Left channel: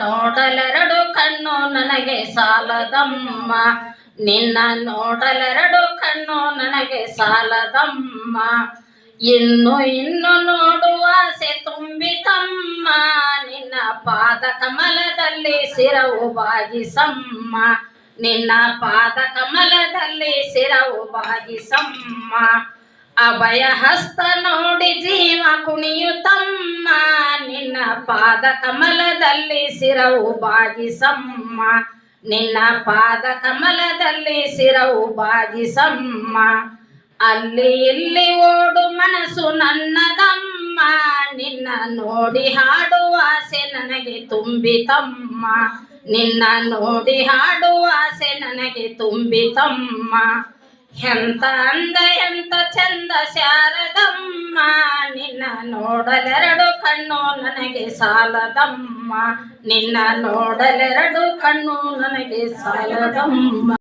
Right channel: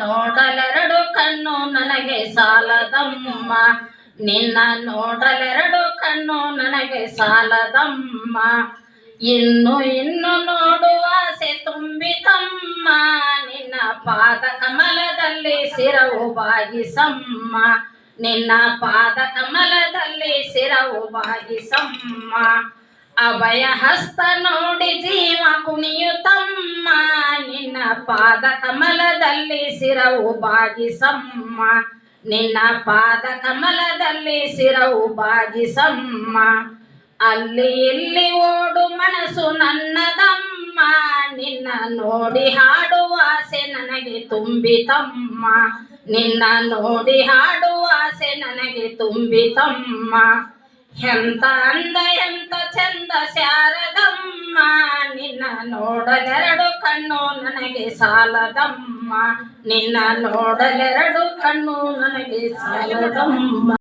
ನೋಡಲೆರಡು ಕಣ್ಣು ನನಗೆ ಸಾಲದಮ್ಮ. ನಿನ್ನ ನೋಡಲೆರಡು ಕಣ್ಣು ನನಗೆ ಸಾಲದಮ್ಮ. ಇನ್ನು ನೋಡುವ ಆಸೆ ತುಂಬಿತಮ್ಮ. ನಿನ್ನ ಪಾದ ಕಮಲದಲ್ಲಿ ಶಿರವು ಬಾಗಿಸಮ್ಮ. ನಿನ್ನ ಪಾದ ಕಮಲದಲ್ಲಿ ಶಿರವು ಬಾಗಿಸಮ್ಮ. ಅಭಯ ಹಸ್ತ ನೋಡಿ ಜೀವ ಕುಣಿಯುತ್ತಮ್ಮ. ನಿನ್ನ ಪಾದ ಕಮಲದಲ್ಲಿ ಶಿರವು ಬಾಗಿಸಮ್ಮ. ನಿನ್ನ ಪಾದ ಕಮಲದಲ್ಲಿ ಶಿರವು ಬಾಗಿಸಮ್ಮ. ಅಲ್ಲಿ ಇಲ್ಲಿ ಓಡು ಮನಸ್ಸು ನನ್ನದಮ್ಮ. ನಿನ್ನ ನೋಡಿ ಹಾಡುವ ಆಸೆ ನನಗೆ ತುಂಬಿತಮ್ಮ. ನಿನ್ನ ನೋಡಿ ಹಾಡುವ ಆಸೆ ನನಗೆ ತುಂಬಿತಮ್ಮ. ಎಂತ ಅಂದ ಎಂತ ಚಂದ ಶಾರದಮ್ಮ. ನಿನ್ನ ನೋಡಲೆರಡು ಕಣ್ಣು ನನಗೆ ಸಾಲದಮ್ಮ. ನಿನ್ನ ನೋಡಲೆರಡು ಕಣ್ಣು ನನಗೆ ಸಾಲದಮ್ಮ.